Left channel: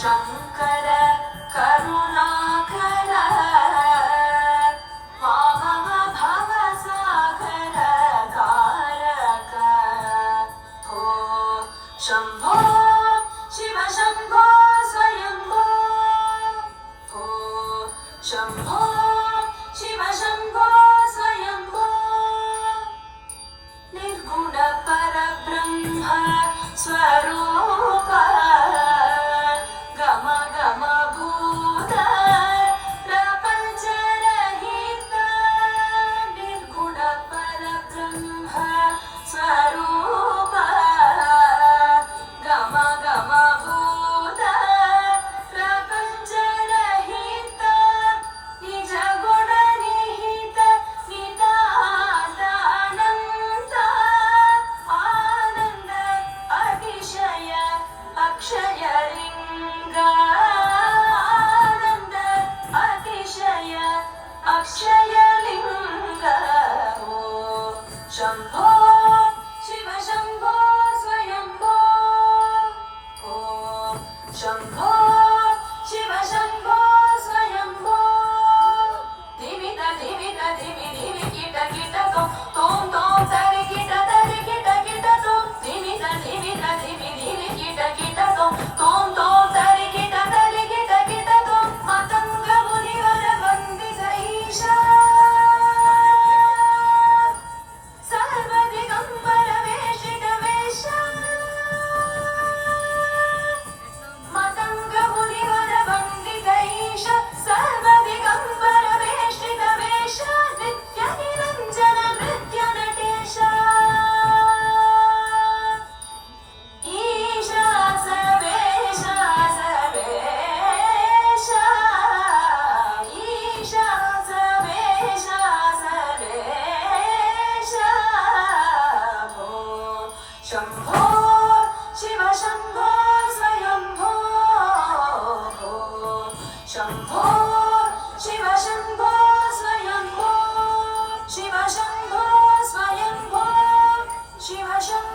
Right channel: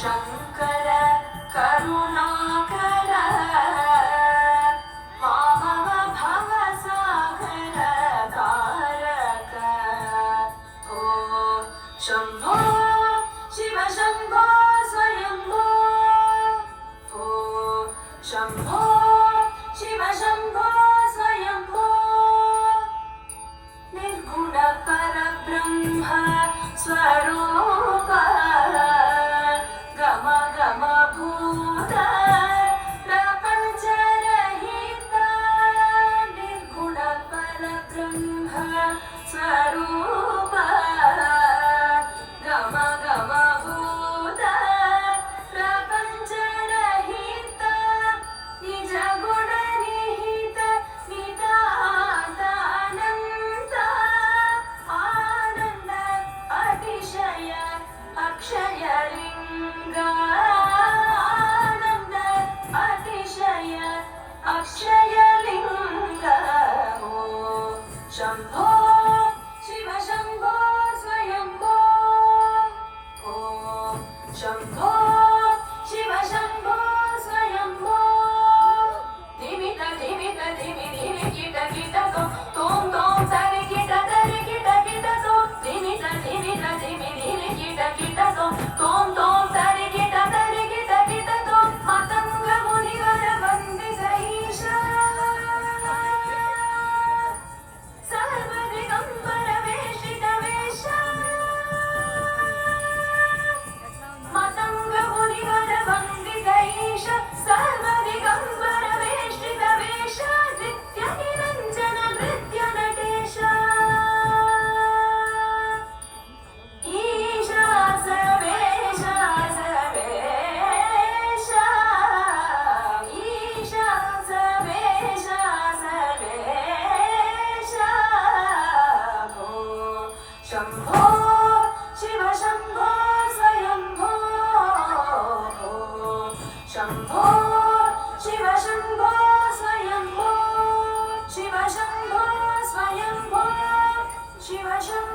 शङ्कर करुणाकर मामव भवसागर तारक ओ शम्भो शिव शम्भो स्वयम्भो ओ शम्भो शिव शम्भो स्वयम्भो निर्गुण परब्रह्म स्वरूप गम गम भूत प्रपञ्च रहित निर्गुण परब्रह्म स्वरूप गम गम भूत प्रपञ्च रहित निज गुण निहित नितानन्द आनन्द अतिशय अक्षय लिंग आनंद अतिशय अक्षय लिंग ओ शंभो शिव शंभो स्वयंभो ओ शंभो शिव शंभो स्वयंभो धिमित धिमित धिमि धिमि किट किट तोम तोम तरि किट तो धिमित धिमित धिमि धिमि किट तोम तोम तरि किट तो मतंग मुनिवर वंदित ईशा सर्वदिगंबर वेशित वेश मतंग मुनिवर वंदित ईश सर्वदिगंबर वेशित वेश नित्य निरंजन नृत्य नटेश ईशा सर्वेश सर्वेश ईशा सर्वेश सर्वेश भो शंभो शिव शंभो स्वयंभो भो शंभो शिव शंभो स्वयंभो शिव शंभो स्वयंभो शिव शंभो